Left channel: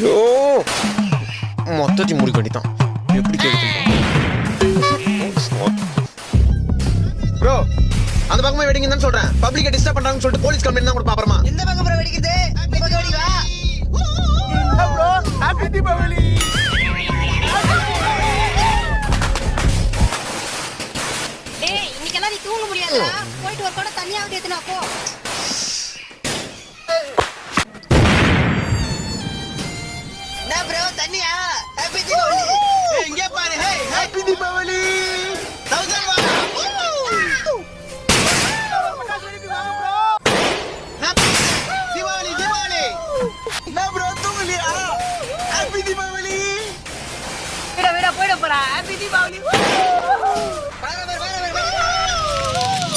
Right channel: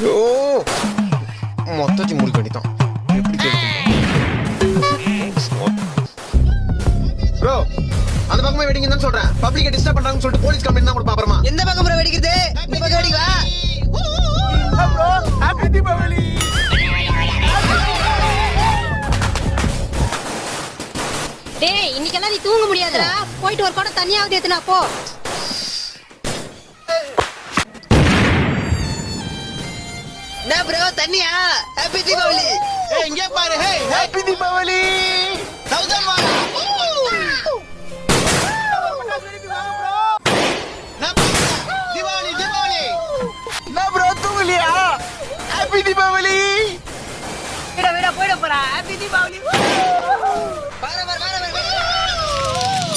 ஐயோ மொத்தத்தையும் முடிக்க வேண்டியதான். எப்படி ப்ரோ அந்த பக்கமே வெடிங்க தான் சொல்றேன். பப்ளிக்க டிஸ்டர்ப் பண்றாங்கன்னு சொல்லிட்டு போலீஸ் கம்ப்ளைண்ட் தான் கொடுப்பா. அப்புறமா எந்த பக்கம் ப்ரோ வெடிக்குது? இந்த பக்கம் வெடிக்கா ப்ரோ. ஹேப்பி தீபாவளி. டேய் இன்னைக்கெல்லாம் நீ தூங்க முடியாதுடா. போயிட்டு ஒரு குடம் தண்ணியாவது ஏத்துனா போ. என்ன ப்ரோ தண்ணியா? ஹேப்பி தீபாவளி. ஏய் இங்க பாரு. ஹே ஹேப்பி தீபாவளி. 1000 வா. தீபாவளி தீபாவளி. என்ன ப்ரோ தூங்கலையா? ஹேப்பி தீபாவளி. விட போடா. ஹேப்பி தீபாவளி.